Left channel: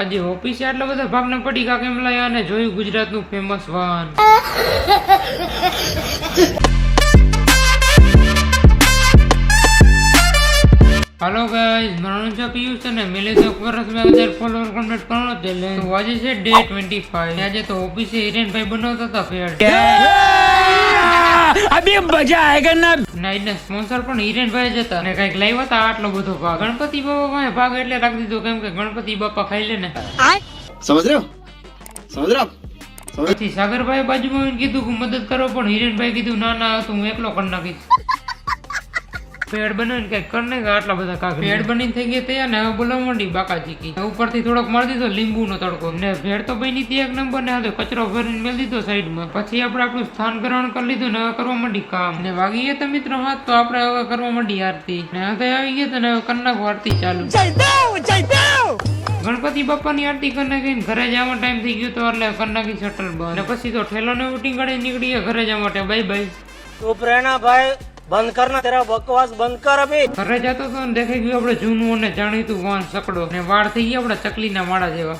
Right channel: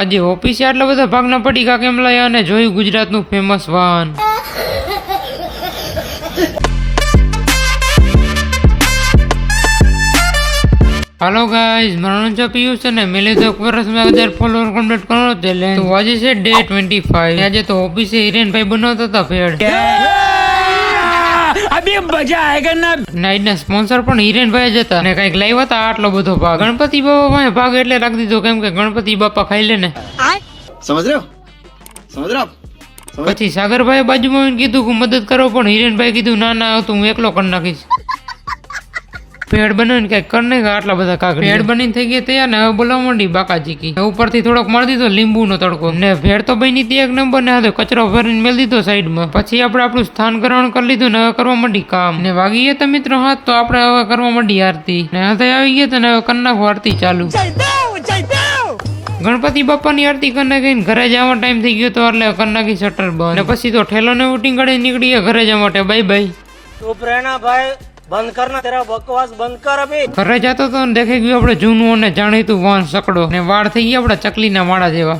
આજે ઓફિસે આટલા બધા ભાગના પડીકા કેમ લાયા અને જોયું ગુજરાતનું ફેમસ વાહન. હાલો ગાઈઝ, મારું નામ છે પિયુષ અને મેલે તો એક વર્ષમાં 1000 ફોલોવર કમ્પ્લીટ કરવાનો ચેલેન્જ. તો આજે છે ડે 25. આજે તો ઓફિસે હિરેનભાઈ બનાવતા હતા ભેળ. અભી મજા આયેગા ના. નાઈટના સ્પોન્સર પણ હિરેનભાઈ જ હતા અને કઈક લાવ્યા હતા આટલો બધો ભાગ. ગણપતિ બાપા પાસે ભાગ એટલે રાખી દીધો કેમ કે ગણપતિ બાપા ખાઈ લે ને. સમજ રહ્યો પછી સાગરભાઈ બાજુમાં આવીને કીધું કે મદદ કરો, પણ હિરેનભાઈ કીધું ના ના તો હું એકલો કરી નાખીશ. ભેળ બનાવીને કઈક કરી નાખ્યા આટલા બધા કાકડી. ભેળ બનીને થઈ ગઈ તૈયાર ને હવે બોલાવા માંડી બાકાચીકી. ઉપરથી થોડોક મારી દીધો લીંબુનો તડકો ને ભેળ તો બની હતી એક નંબર ને હવે કચરો ભરીને મેળ દીધો સાઈડમાં. પછી આપણે આપણું સ્થાન ગ્રહણ કરી લીધું ને હવે કરવા માંડી કામ. ને વાગી ગયા તો મિત્રો હાથ, તો આપણે હવે કરવા માંડી આરતી. ને હાથે આવી ગયા તો ને હવે કરી નાખો આરતી ચાલુ. ગણપતિ બાપાની આરતી કરી નાખીને ઘરે જવા ટાઈમ થઈ ગયો તો એટલે કરી નાખી શટર બંધ. ને પછી તો ઠેલો ને ઉટીંગ કાઢી નીકળી ગયા ઘરે જવા માટે. Bye bye. ચૂપ રહેના ભાઈ, બંધ કરના તેરા બકવાસ બંધ કર અભી. ઘરે જતો તો દેખાઈ ગયું આપણે જૂનું અને જાણીતું વાહન સકડો ને વાળ થઈ ગયા આપડા ચકલીના વાળા જેવા.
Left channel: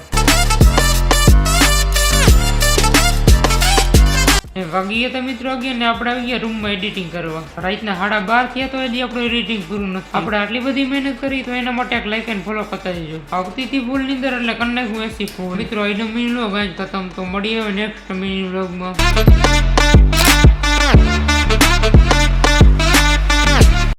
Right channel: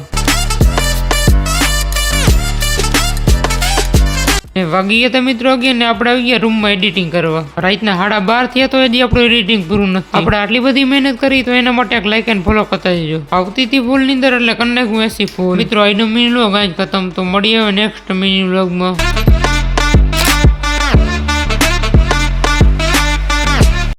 વાગી ગયા મિત્રો અગિયાર ને આપણે આવી ગયા રૂમમાં એડિટિંગ કરવા. રાતના 12:30 થયા તો હજી આપણું એડિટિંગ પૂરું નથી. આપણે આટલી બધી મહેનત કરી તો એના માટે એક લાઈક એન્ડ ફોલો કરતા જજો. આવતી હતી ફૂલ ની અંદર એટલે કરી નાખું 80 ફૂલ. મિત્રો આજનો મિની વ્લોગ આજ ખતમ. તો મળીએ નેક્સ્ટ મિની વ્લોગમાં.